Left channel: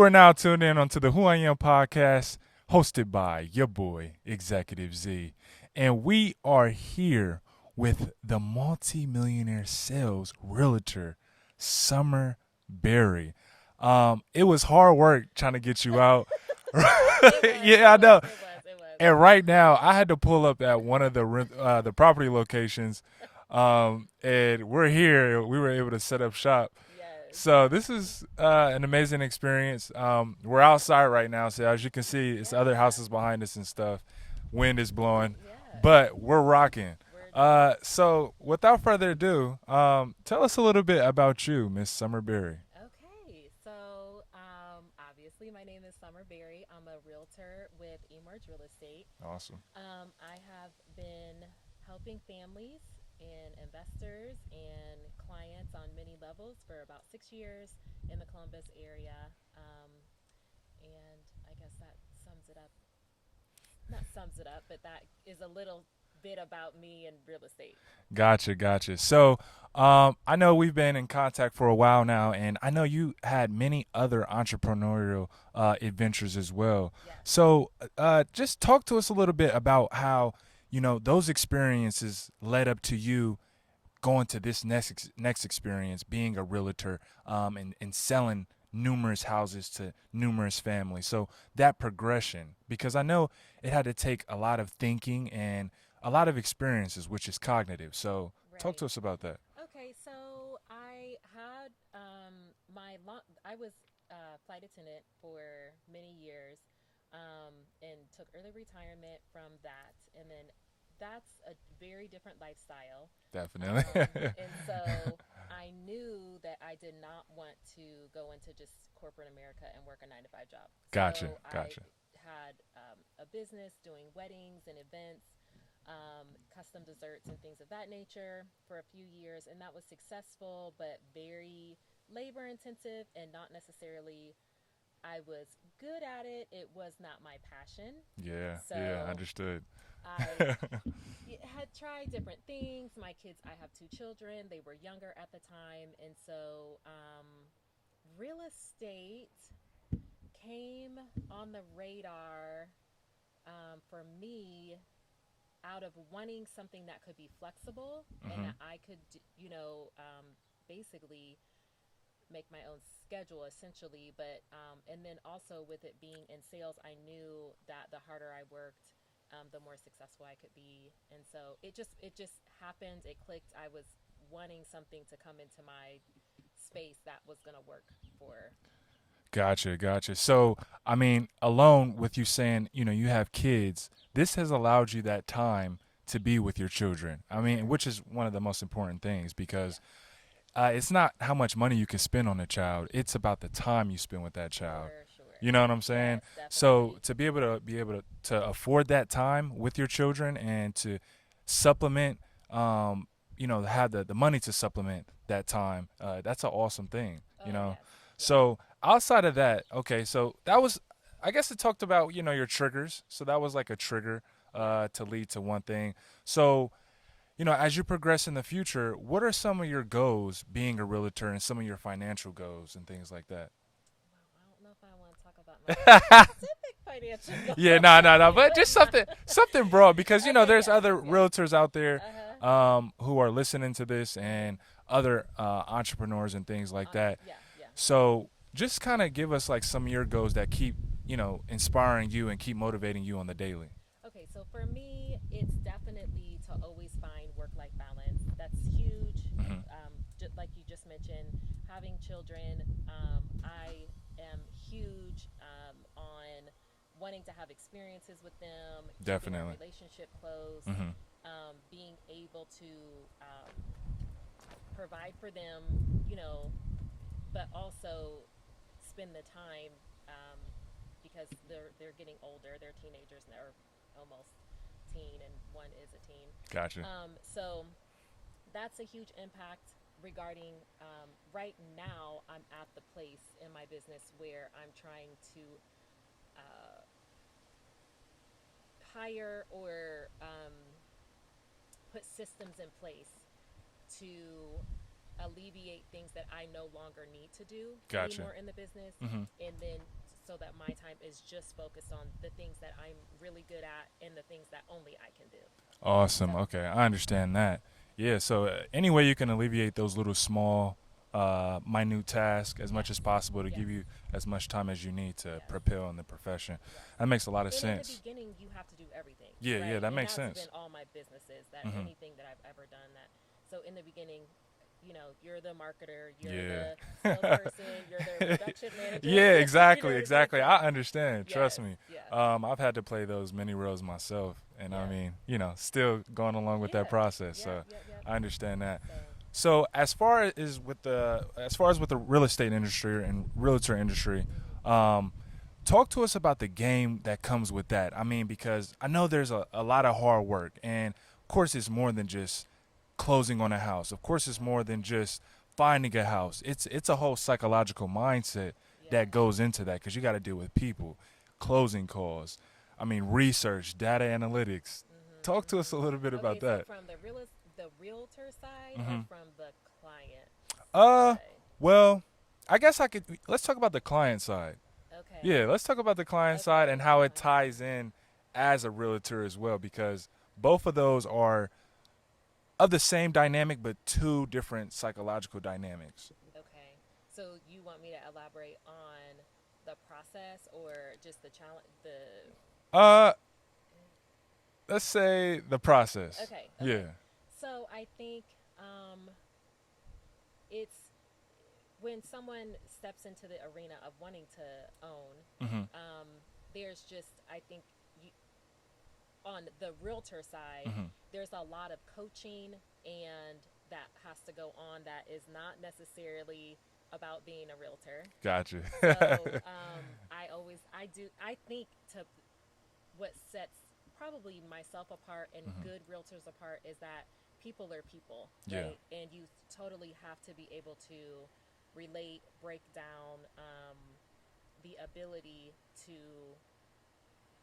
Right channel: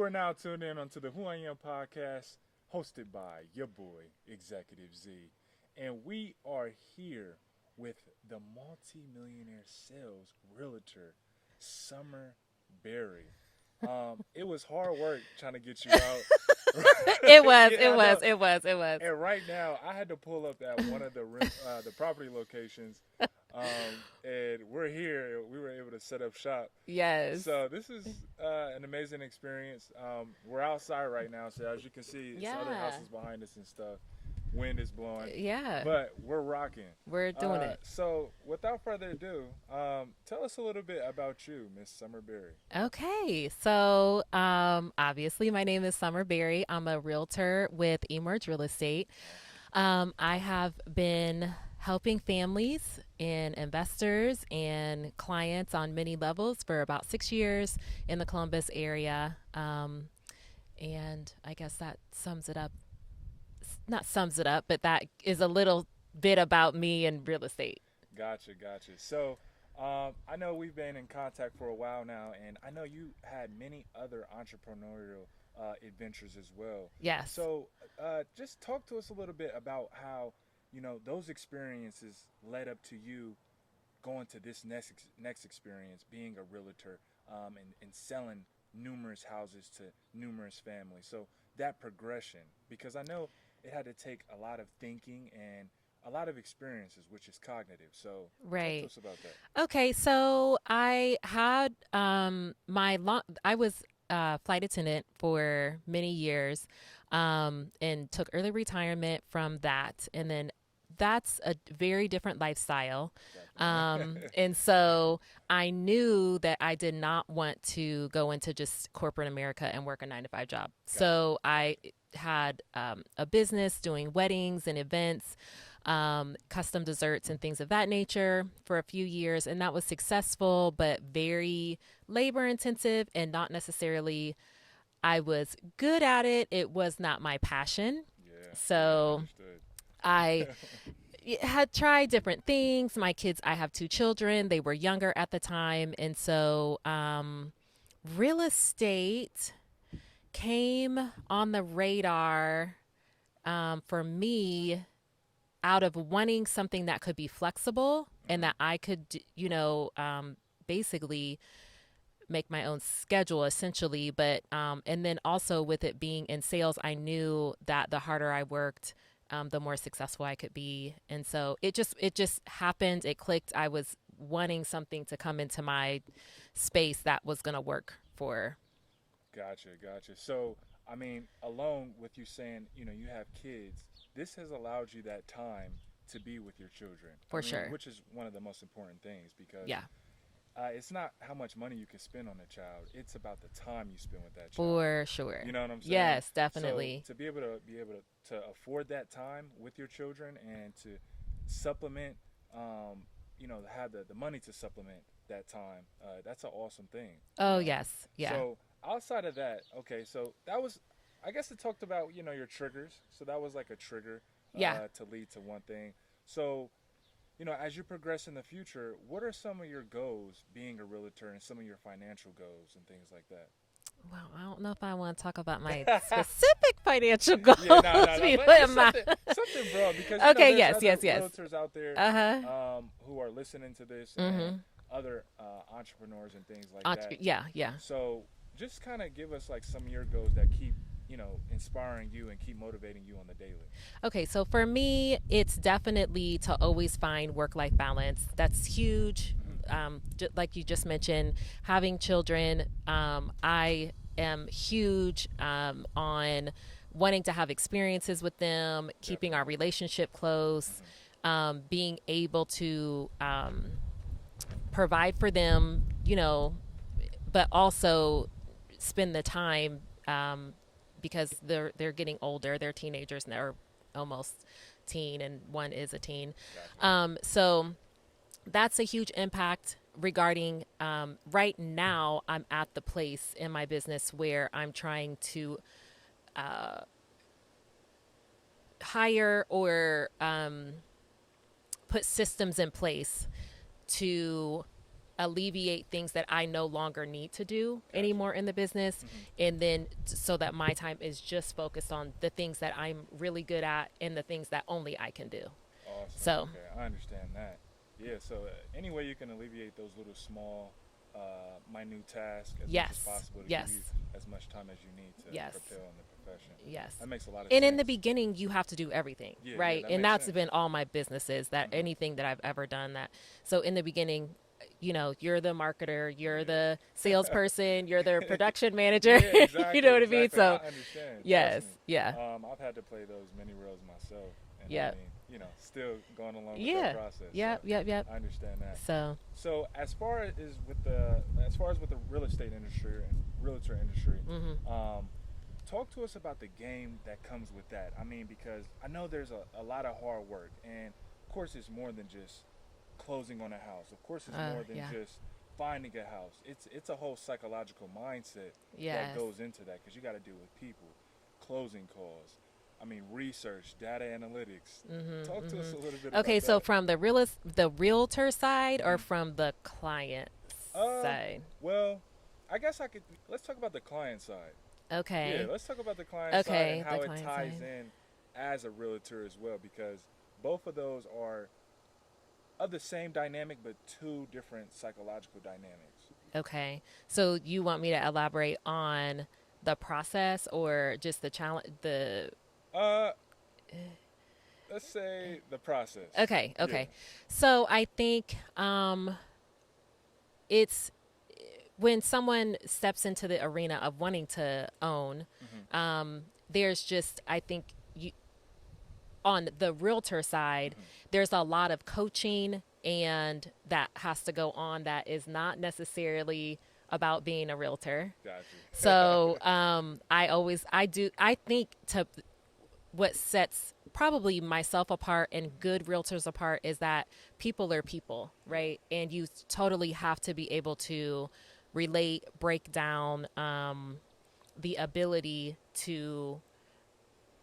You are now tuned in onto the Who I Am podcast, hosted by your boy, Executive Z. And we are here with the multi-millionaire sales realtor, Summer Berry. It was hard work trying to get you out. It was. Yeah, I It know. was. It was. It was. And right now, I had to pull up at one of the property locations, and we're here. We were able to set up shop. Yes. So this is an amazing experience. We're outside right now, so as you can see, it's other Yeah. houses behind us and stuff. Wind is blowing, Yeah. but we're rocking. We're doing it. So without further ado, tell us a little bit about you, Miss Summer Berry. Okay. So, obviously, my name is Summer Berry. I'm a realtor with Emerge Real Estate. Awesome. I have been helping families and investors and clients on many levels for about 6 years in the Columbus area. And I guess that sums it up. Not sums it up, but that is a little bit about me and real estate. Gotcha. So, I know we've been in contact for a while now, and I know you had many other entrepreneurial adventures as well. Yes. So, just talk to us a little bit about how those experiences led up to you going to this next experience, being a realtor, and selling numerous houses to numerous families. So that progression, because I know it had to take a lot of thinking and a lot of experiences, which is cognitive. So talk to Right. us about that. Okay, so I had I was a flight attendant for many years, and took early retirement from that, and then that's a very different lifestyle. Definitely. And so I knew that I did not want to go into just corporate America and work a 9 to 5 job. Gotcha. So I had a business doing weddings and events, custom desserts and things of that nature for a few years. And that was successful, but very labor intensive and not necessarily, I was good at it. It was not my passion. Yeah. So Understood. I had tried different things. My kids, I have 2 children. They were younger at the time. And so real estate came on the radar for me out of wanting something that could be flexible and that I could, basically make my own schedule essentially. But, and then also with it being in sales, I knew that the harder I worked, the more successful I could be. And so it just happened. It clicked. I was wanting something to come into my space that was going to work for. Gotcha. So, I mean, alone with you saying, you have kids, this has allowed you that time to be with your children. For I mean, sure. which is one of the most important things because Yeah, it's not how much money you can spend on a child. It's about the time you spend with that child. for sure. You know what I'm saying? Yes, So definitely. to be able to afford that time with your children and to supplement, have the money to supplement that time, that's an awesome thing. Oh, yes. Yeah. So outside of that, okay, so that was, I guess it talked about your triggers. So that was like a trigger Yeah. to lead to one thing. So as you progress in the future, what are some of your goals being a realtor and some of your financial goals and things like that? Well, I don't know if I want to talk about my specific financial goals. Yeah, no, You but know, just my- something broad because Okay, there's yes, other yes. realtors out there Uh-huh. who are listening to this and other entrepreneurs and things like that. Yeah. So just kind of give us like some of your goals that keep inspiring you and keep motivating you on the daily. Okay, so for me, it's definitely to always find work-life balance. That's huge. Like you just mentioned, having children, I am huge on wanting to have experiences with them, keeping our Definitely. relationship close, being able to provide for them, but also spend the time, because they're getting older. They're teenagers and they're almost teen, and one is a teen. Gotcha. So that's a huge impact regarding right now. I'm at the place in my business where I'm trying to hire or put systems in place to alleviate things that I no longer need to do Gotcha. anymore in the business. Hmm. And then so that my time is just focused on the things that I'm really good at and the things that only I can do. Awesome. So, Okay, I understand that. Yeah. So any way you can alleviate those little small, minute tasks as much as yes, possible to yes, give you as much time as you need to yes, propel in the profession. yes. That makes a lot of And in the sense. beginning, you have to do everything, Yeah. Yeah. right? That And makes that's sense. been all my businesses, that Hmm. anything that I've ever done that. So in the beginning, you're the marketer, you're Yeah. the salesperson, you're the production manager. Yeah, You know exactly, what I mean? exactly. So I understand. yes, Trust me. yeah, I've had to play those many roles myself, and I yeah, mean, still going along with that yeah, process. So yep, yep, yep. I understand that. So So as far as with the real estate industry and realtor industry, hmm talk to us about the game that comes with that. I mean, because I know there's a lot of hard work, and of course, it's more than just closing on a house. Of course, it's more than yeah, just finding a house. It's a whole psychological mindset yeah. that goes into that because you got to deal with people, closing calls. I mean, research, data analytics. Talk to us a little bit Okay, about so that. from the realtor side or Hmm. from the client Uh, side? well, I guess I could. Let's talk about the client side. Yeah, Okay. let's talk about the client side and Okay, the how it client ties side. in as a realtor as well, because both of those are of the same dynamic, but two different psychological dynamics. Okay. So you want me to elaborate on the process or just the challenge Uh, let's say the process. Okay, Yeah. okay. So I think it's when someone steps into the arena of wanting to own, Mhm. there's just I think you on the realtor side, Mhm. there's a lot of coaching and that has to go on that is not necessarily about being a realtor. Gotcha. So I think to what sets probably myself apart and Mhm. good realtors apart is that people are people, Yeah. right? And you totally have to be able to relate, break down the ability to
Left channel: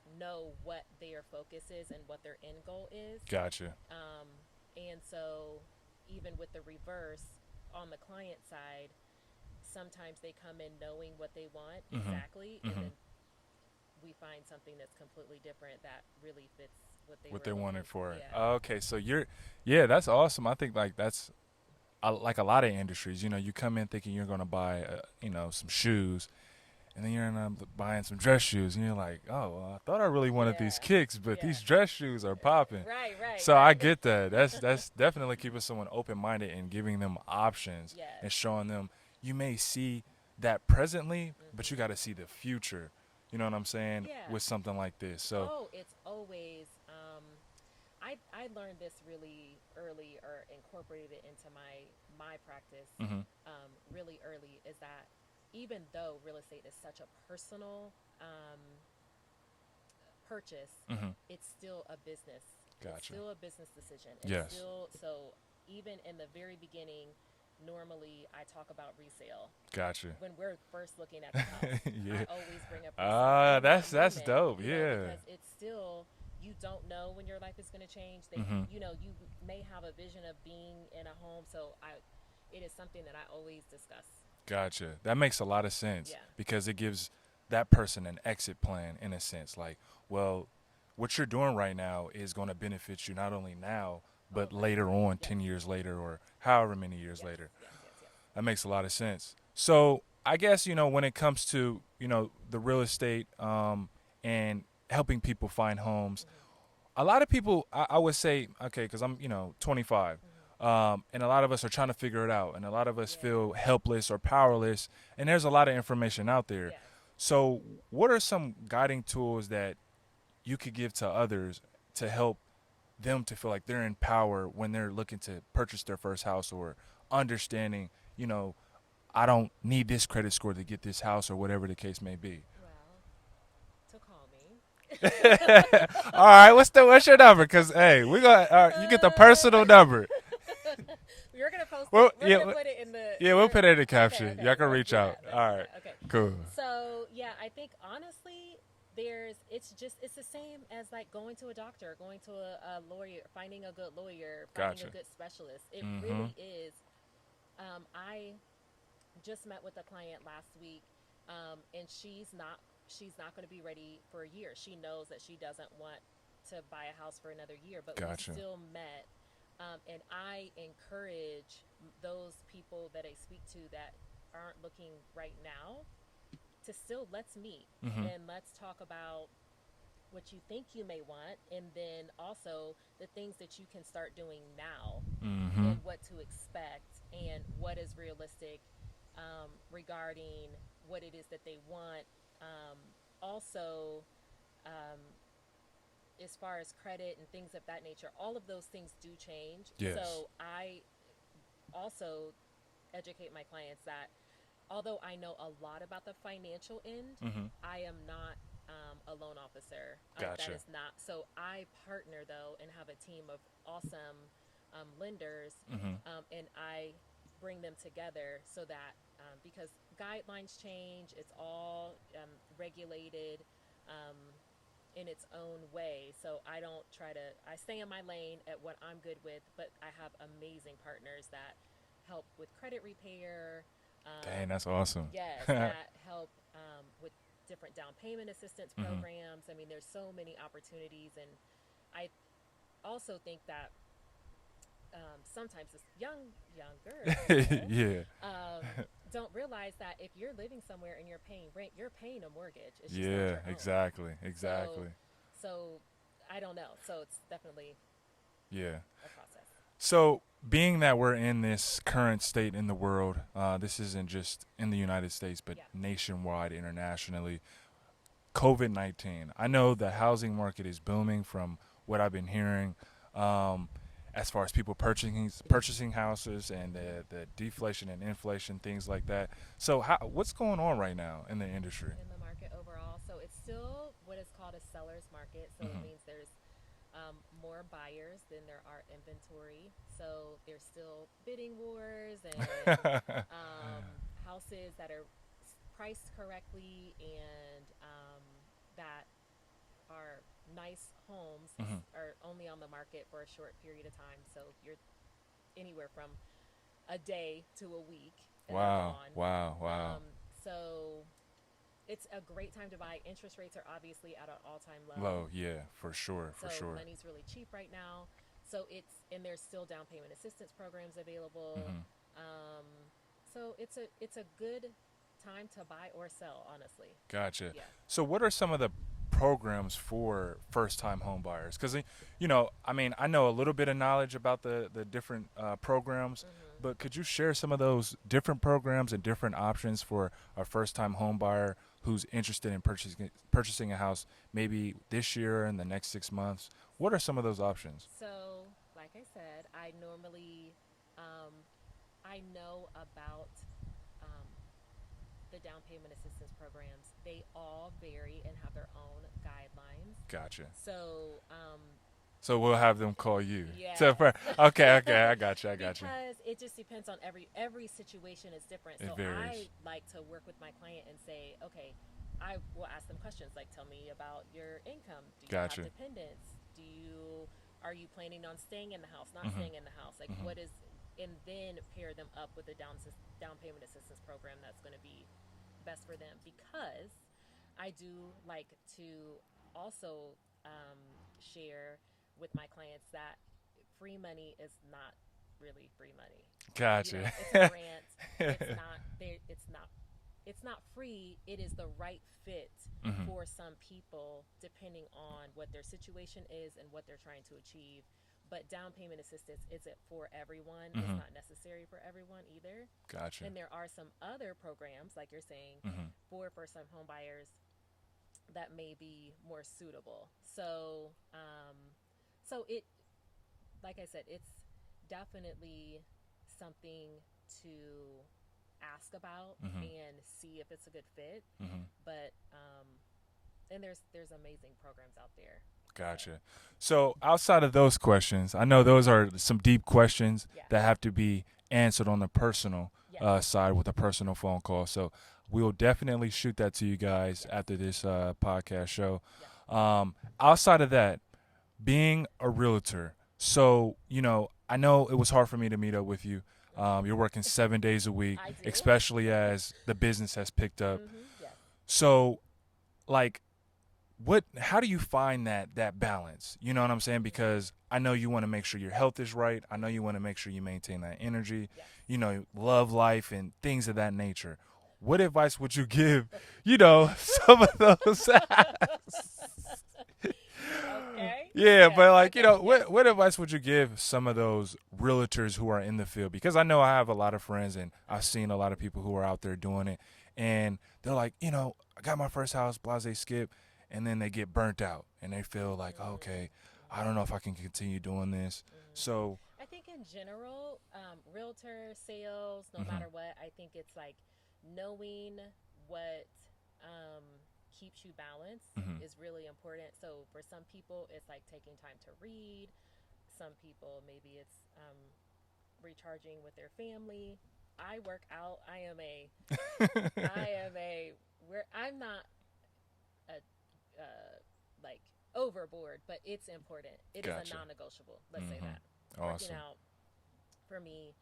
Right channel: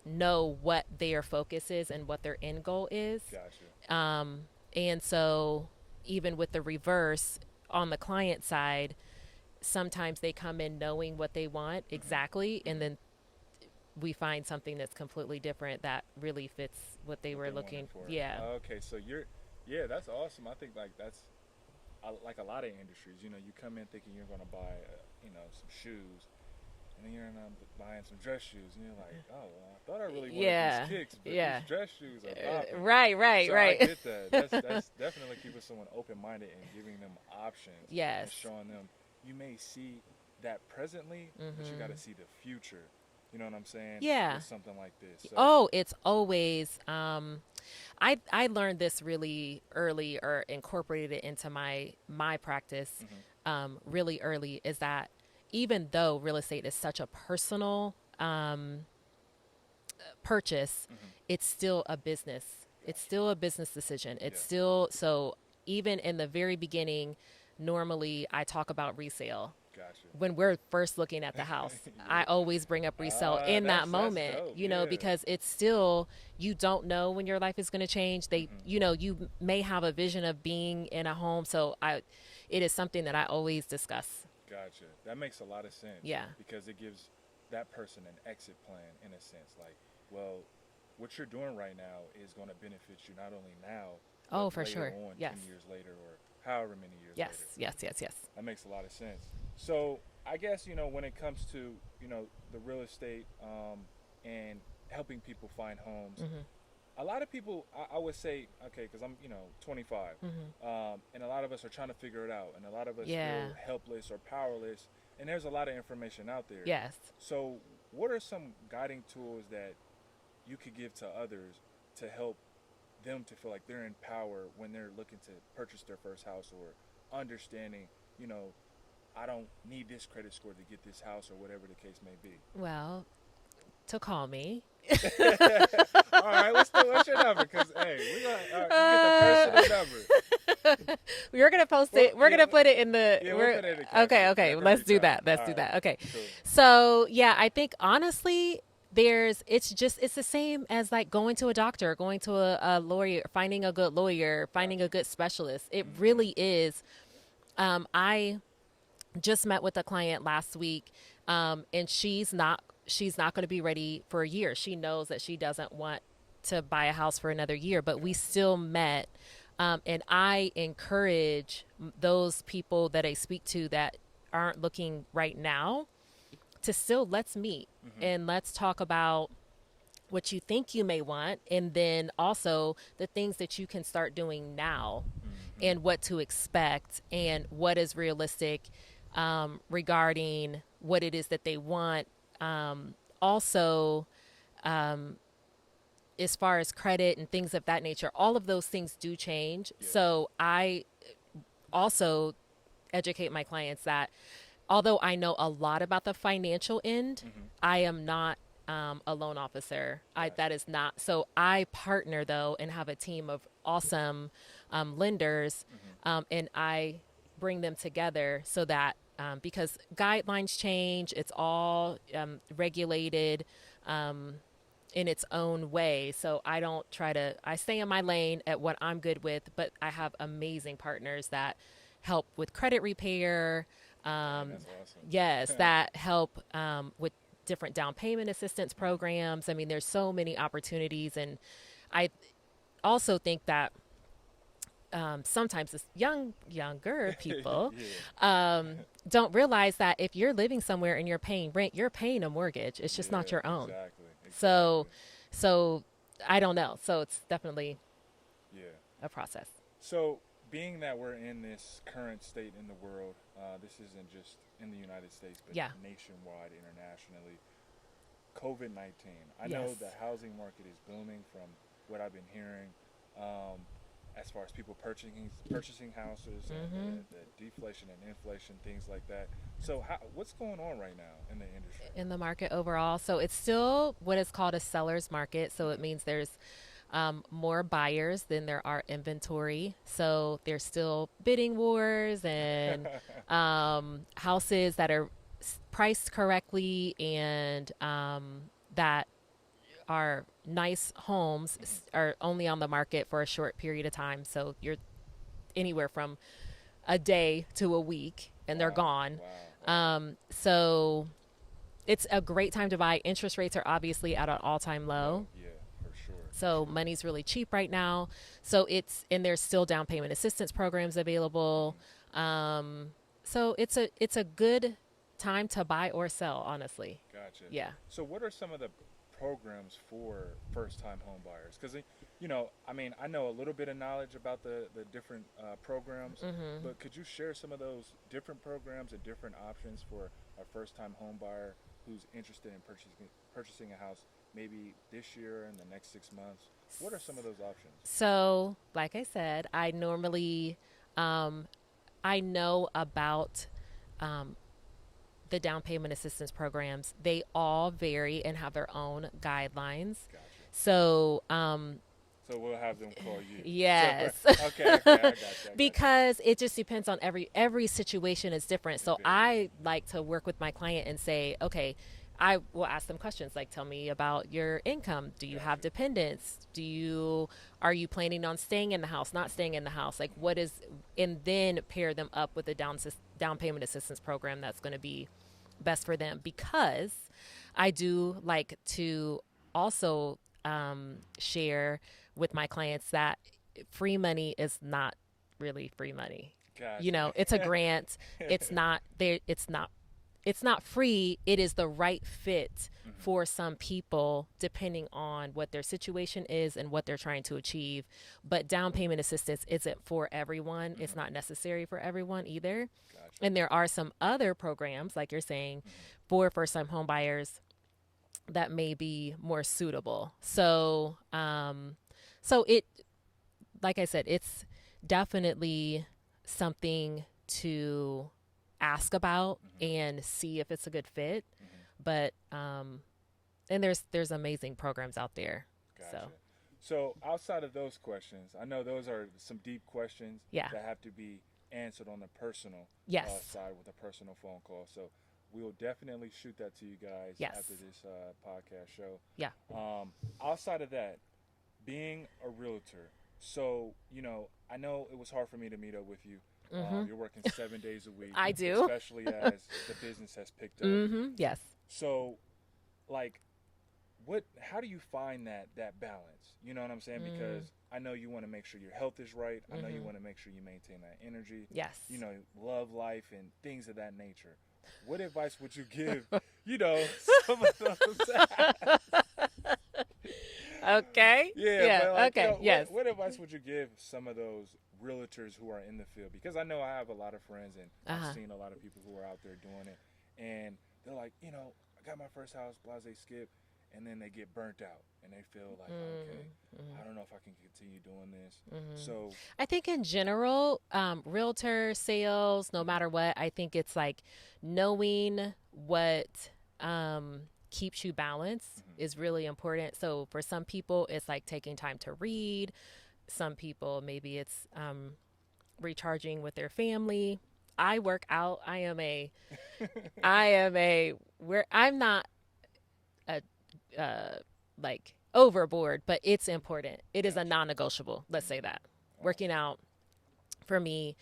know what their focus is and what their end goal is. Gotcha. And so, even with the reverse on the client side, sometimes they come in knowing what they want Mhm. exactly, and Mhm. then we find something that's completely different that really fits what they What were they looking. wanted for it. Yeah. Okay, so yeah, that's awesome. I think like that's like a lot of industries. You come in thinking you're gonna buy, some shoes, and then you end up buying some dress shoes, and you're like, oh, well, I thought I really wanted these Yeah. kicks, but Yeah. these dress shoes are popping. Right, right, So I right. get that. That's definitely keeping someone open minded and giving them options and Yes. showing them you may see that presently, but you got to Mhm. see the future. You know what I'm saying? Yeah. With something like this. So, Oh, it's always I learned this really early or incorporated it into my practice hmm really early is that even though real estate is such a personal purchase, hmm it's still a business. It's gotcha. still a business decision. It's Yes. still so even in the very beginning, normally I talk about resale. Gotcha. When we're first looking at the house, Yeah. I always bring up resale in that That's moment, dope. Yeah. because it's still you don't know when your life is going to change. hmm You may have a vision of being in a home, so it is something that I always discuss. Gotcha. That makes a lot of sense Yeah. because it gives that person an exit plan in a sense. Like, well, what you're doing right now is going to benefit you not only now, Oh, but for later sure. on, Yes. 10 years later, or however many years Yes. later. Yes. Yes. Yes. That makes a lot of sense. So, I guess, when it comes to, the real estate and helping people find homes, Mhm. a lot of people, I would say, okay, because I'm, 25, Mhm. and a lot of us are trying to figure it out, and a lot of us Yeah. feel helpless or powerless, and there's a lot of information out there. Yes. So, what are some guiding tools that you could give to others to help them to feel like they're in power when they're looking to purchase their first house or understanding, I don't need this credit score to get this house or whatever the case may be. Well, to call me. All right, what's your number? Cause hey, we got you get the personal number. We're gonna post Well, it. We're yeah, gonna put it in the. Yeah, we'll put it in the caption. Okay, okay. Y'all can Let's reach do out. that. Let's All do right, that. Okay. cool. So yeah, I think honestly, it's the same as like going to a doctor, going to a lawyer, finding a good lawyer, finding a Gotcha. good specialist. It Mm-hmm. really is I just met with a client last week, and she's not going to be ready for a year. She knows that she doesn't want to buy a house for another year, but we Gotcha. still met. And I encourage those people that I speak to that aren't looking right now to still, let's meet Mm-hmm. and let's talk about what you think you may want, and then also the things that you can start doing now Mm-hmm. and what to expect and what is realistic, regarding what it is that they want. Also, um, as far as credit and things of that nature, all of those things do change. Yes. So I also educate my clients that although I know a lot about the financial end, Mm-hmm. I am not a loan officer. That Gotcha. is not. So I partner though and have a team of awesome lenders, Mm-hmm. and I bring them together so that because guidelines change, it's all regulated. Um, in its own way. So I don't try to, I stay in my lane at what I'm good with, but I have amazing partners that help with credit repair. Dang, Um, that's awesome. yes, that help with different down payment assistance Mm-hmm. programs. I mean, there's so many opportunities. And I also think that sometimes this younger people Yeah. don't realize that if you're living somewhere and you're paying rent, you're paying a mortgage. It's just not Yeah. your own. Exactly. So, Exactly. so I don't know. So it's definitely Yeah. a process. So, being that we're in this current state in the world, this isn't just in the United States, but Yeah. nationwide, internationally. COVID-19. I Yes. know the housing market is booming from what I've been hearing, um, as far as people purchasing houses and Hmm. the deflation and inflation, things like that. So, what's going on right now in the industry? In the market overall. So it's still what is called a seller's market. So it Mm-hmm. means there's more buyers than there are inventory. So there's still bidding wars and houses that are priced correctly and that are nice homes Mm-hmm. are only on the market for a short period of time. So you're anywhere from a day to a week and they're Wow. gone. Wow. Wow. So it's a great time to buy. Interest rates are obviously at an all-time low. Low. Yeah. For sure. For So sure. money's really cheap right now. So and there's still down payment assistance programs available. Mm-hmm. Um, so it's a good time to buy or sell, honestly. Gotcha. Yeah. So, what are some of the programs for first-time home buyers? Because I mean, I know a little bit of knowledge about the different programs, Hmm. but could you share some of those different programs and different options for a first-time home buyer who's interested in purchasing a house, maybe this year and the next 6 months? What are some of those options? So, like I said, I normally um, I know about um, the down payment assistance programs. They all vary and have their own guidelines. Gotcha. So, So we'll have them call you. So yes. okay, okay, I got you. I got you. Because it just depends on every situation is different. It So varies. I like to work with my client and say, okay, I will ask them questions like, tell me about your income. Do you have Gotcha. dependents? Are you planning on staying in the house, not Mhm. staying in the house? Like Mhm. what is, and then pair them up with a down payment assistance program that's going to be best for them. Because I do like to also share with my clients that free money is not really free money. You Gotcha. know, it's a grant. It's not there. It's not free. It is the right fit Mhm. for some people depending on what their situation is and what they're trying to achieve. But down payment assistance isn't for everyone. It's Mhm. not necessary for everyone either. Gotcha. And there are some other programs, like you're saying, Mhm. for first time home buyers that may be more suitable. So it, like I said, it's definitely something to ask about Mhm. and see if it's a good fit. Mhm. But and there's amazing programs out there. So Gotcha. So outside of those questions, I know those are some deep questions yeah, that have to be answered on the personal yes, side with a personal phone call. So we will definitely shoot that to you guys yes, after this podcast show. yeah. Outside of that, being a realtor, so I know it was hard for me to meet up with you. Mhm. You're working 7 days a week, I do. especially as the business has picked up. Mhm. Yes. So, like, how do you find that balance? You know what I'm saying? Mm. Because I know you want to make sure your health is right. I know you Mhm. want to make sure you maintain that energy. Yes. Love life and things of that nature. What advice would you give, some of those? Okay. Yeah, Yeah. but like, Okay. Yes. what advice would you give some of those realtors who are in the field? Because I know I have a lot of friends and I've Uh-huh. seen a lot of people who are out there doing it, and they're like, I got my first house, blase skip, and then they get burnt out and they feel like, oh, okay, I Mm-hmm. don't know if I can continue doing this. Mm-hmm. So, I think in general, realtor sales, no hmm matter what, I think it's like knowing what um, keeps you balanced hmm is really important. So for some people, it's like taking time to read. Some people, maybe it's recharging with their family. I work out. I'm not a, like overboard, but it's important. It is a gotcha. non-negotiable. Let's say hmm that working Awesome. out for me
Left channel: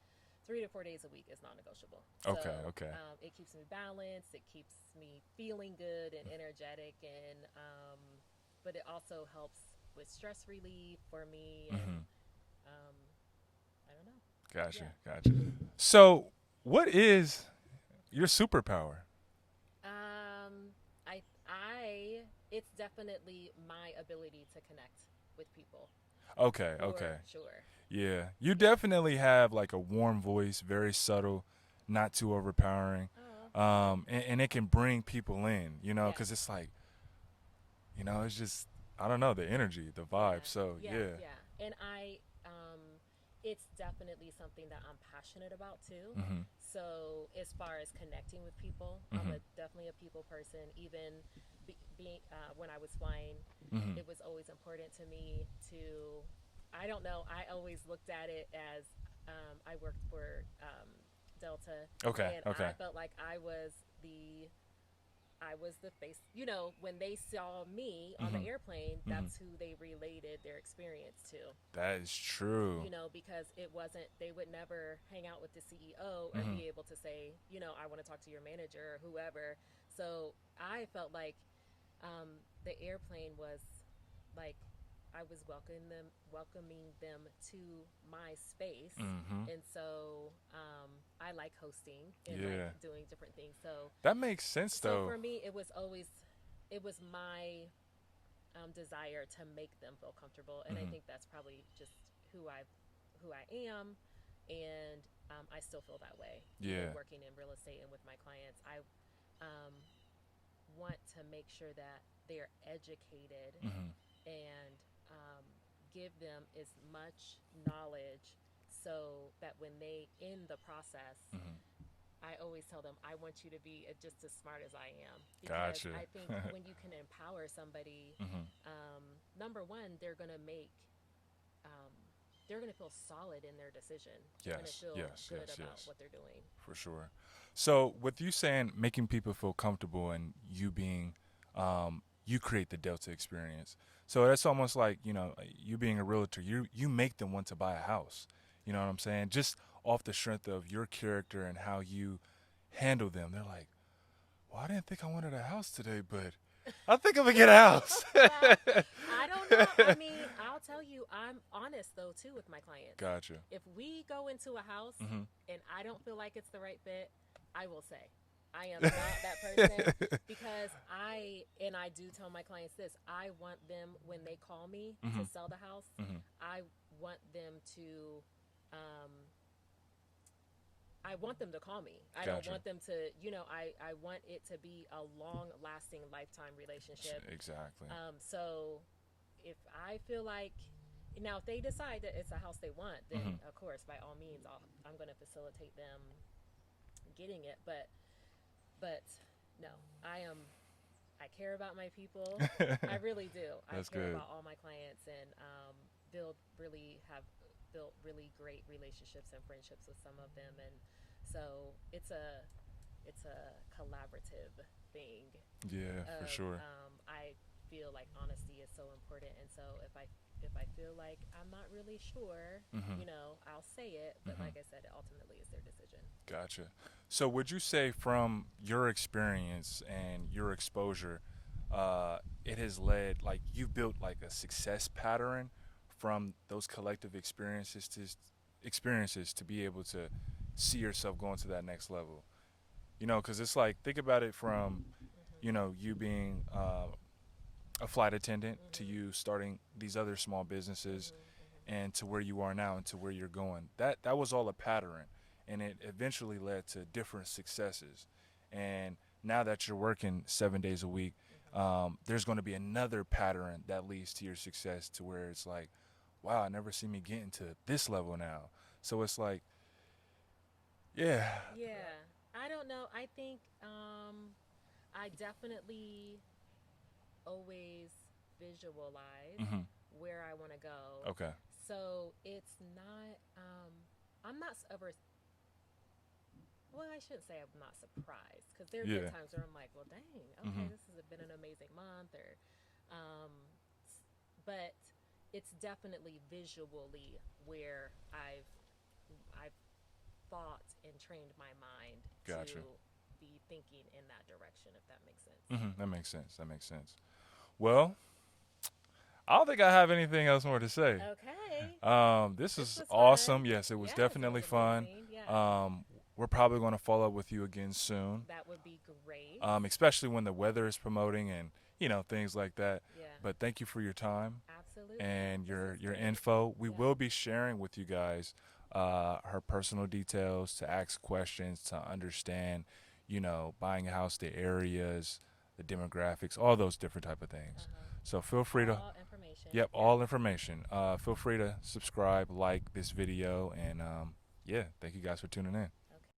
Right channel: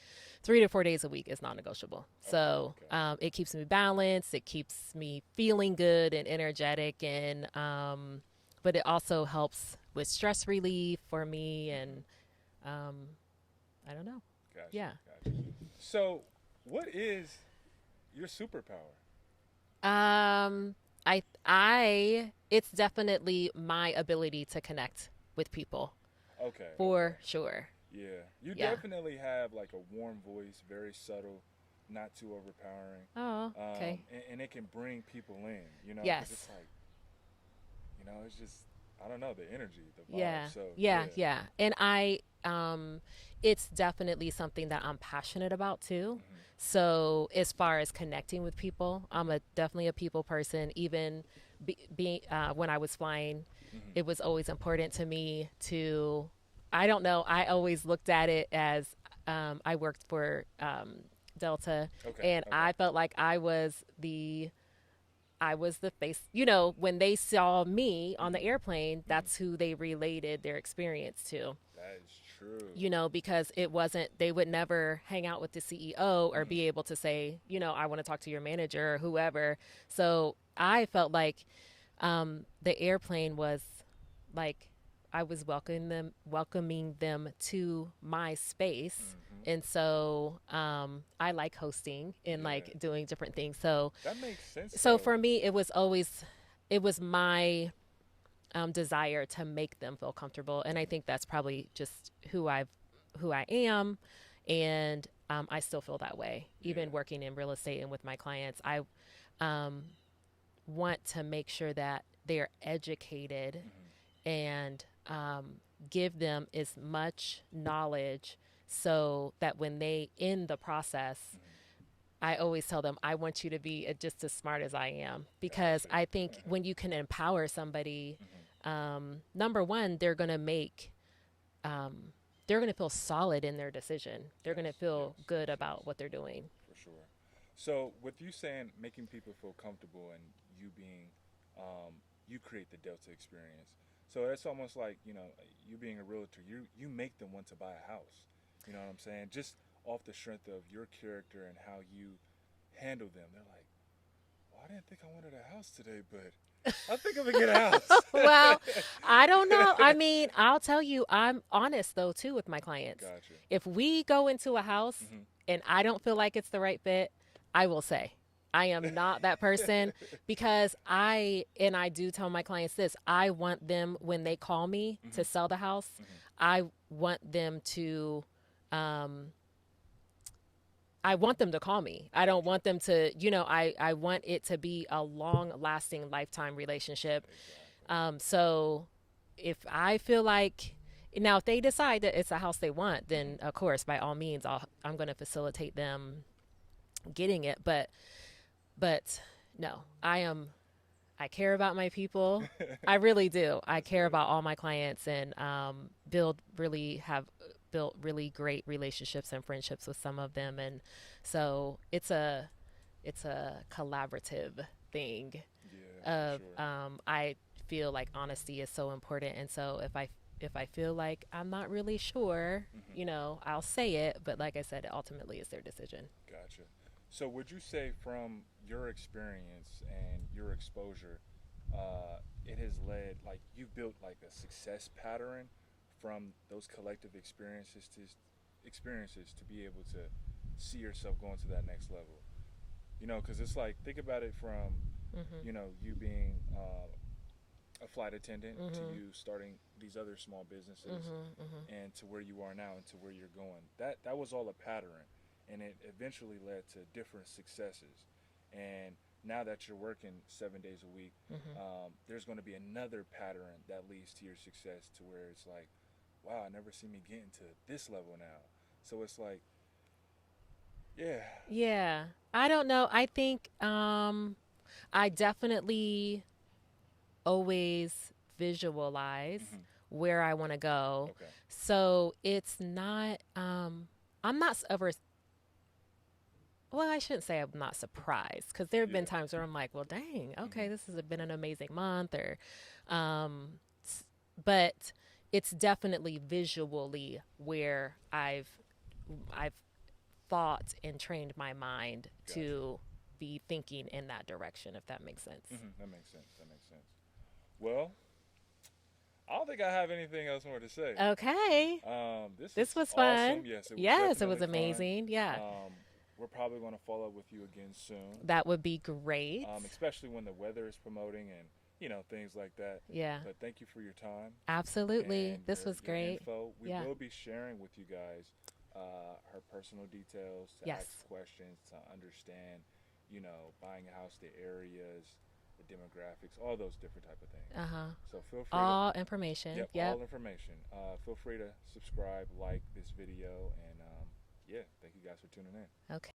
3 to 4 days a week is non-negotiable. Okay. So Okay. it keeps me balanced. It keeps me feeling good and energetic, and but it also helps with stress relief for me. And hmm um, I don't know. Gotcha. Yeah. Gotcha. So, what is your superpower? Um, it's definitely my ability to connect with people Okay. Okay. for sure. Yeah, you Yeah. definitely have like a warm voice, very subtle, not too overpowering, Oh, okay. and it can bring people in, Yes. because it's like, it's just I don't know the energy, the vibe. Yeah. So Yeah. yeah. Yeah. And it's definitely something that I'm passionate about too. Mhm. So as far as connecting with people, I'm Mhm. definitely a people person. Even being when I was flying, Mhm. it was always important to me to. I don't know. I always looked at it as I worked for Delta, Okay. and Okay. I felt like I was the face. When they saw me on the Mhm. airplane, Mhm. that's who they related their experience to. That is true. Because it wasn't, they would never hang out with the CEO or Mhm. be able to say, I want to talk to your manager or whoever. So I felt like the airplane was like, I was welcoming them to my space. Mhm. And so I like hosting and Yeah, like doing different things. So that makes sense so though. for me, it was my desire to make them feel comfortable, and I Mhm. think that's probably just who I am, and I still feel that way, even Yeah. working in real estate and with my clients. I um, want to make sure that they're educated Mhm. and give them as much knowledge so that when they in the process, Mhm. I always tell them, I want you to be just as smart as I am, because Gotcha. I think when you can empower somebody, mhm. number one, um, they're going to feel solid in their decision. They're going to Yes. feel Yes. good Yes. about Yes. what they're doing. For sure. So, with you saying making people feel comfortable and you being, you create the Delta experience. So that's almost like you being a realtor. You make them want to buy a house. You know what I'm saying? Just off the strength of your character and how you handle them. They're like, well, I didn't think I wanted a house today, but I think I'm gonna get a house. Well, I don't know. I mean, I'll tell you, I'm honest though too with my clients. Gotcha. If we go into a house Mhm. and I don't feel like it's the right fit, I will say. I am not that person, because I do tell my clients this. I want them, when they call me to mhm. sell the house, Mhm. I want them to um I want them to call me. I don't Gotcha. want them to, I want it to be a long lasting lifetime relationship. Exactly. So if I feel like, now if they decide that it's a house they want, then Mhm. of course, by all means, I'm going to facilitate them getting it. But no, I care about my people. I really do. I That's care good. about all my clients, and have built really great relationships and friendships with some of them. And so it's a collaborative thing Yeah, for of sure. I feel like honesty is so important. And so If I feel like I'm not really sure, Mm-hmm. I'll say it. But Mm-hmm. like I said, it ultimately is their decision. Gotcha. So, would you say from your experience and your exposure, it has led, like, you've built like a success pattern from those collective experiences to be able to see yourself going to that next level? Because it's like, think about it from, Mhm. you being a flight attendant to Mhm. you starting these other small businesses Mhm. Mhm. and to where you are now and to where you're going. That was all a pattern, and it eventually led to different successes. And now that you're working 7 days a week, Mhm. there's going to be another pattern that leads to your success, to where it's like, wow, I never see me getting to this level now. So it's like, yeah. Yeah. I don't know. I think I definitely always visualize Mm-hmm. where I want to go. Okay. So it's not I'm not ever, well, I shouldn't say I'm not surprised, because there have been Yeah. times where I'm like, well, dang, okay, Mm-hmm. this has been an amazing month, or, um, but it's definitely visually where I've thought and trained my mind Gotcha. to be thinking in that direction, if that makes sense. Mm-hmm. That makes sense. That makes sense. Well, I don't think I have anything else more to say. Okay. This This was was fun. awesome. Yes, it was Yes, it was definitely fun. amazing. Yeah. Um, we're probably going to follow up with you again soon, That would be great. especially when the weather is promoting and things like that. Yeah. But thank you for your time Absolutely. and This your was your great. info. We Yeah. will be sharing with you guys her personal details to Yes. ask questions to understand, buying a house, the areas, the demographics, all those different type of things. Uh-huh. So feel free to. All information. Yep, Yep. all information. Feel free to subscribe, like this video, and yeah, thank you guys for tuning in. Okay.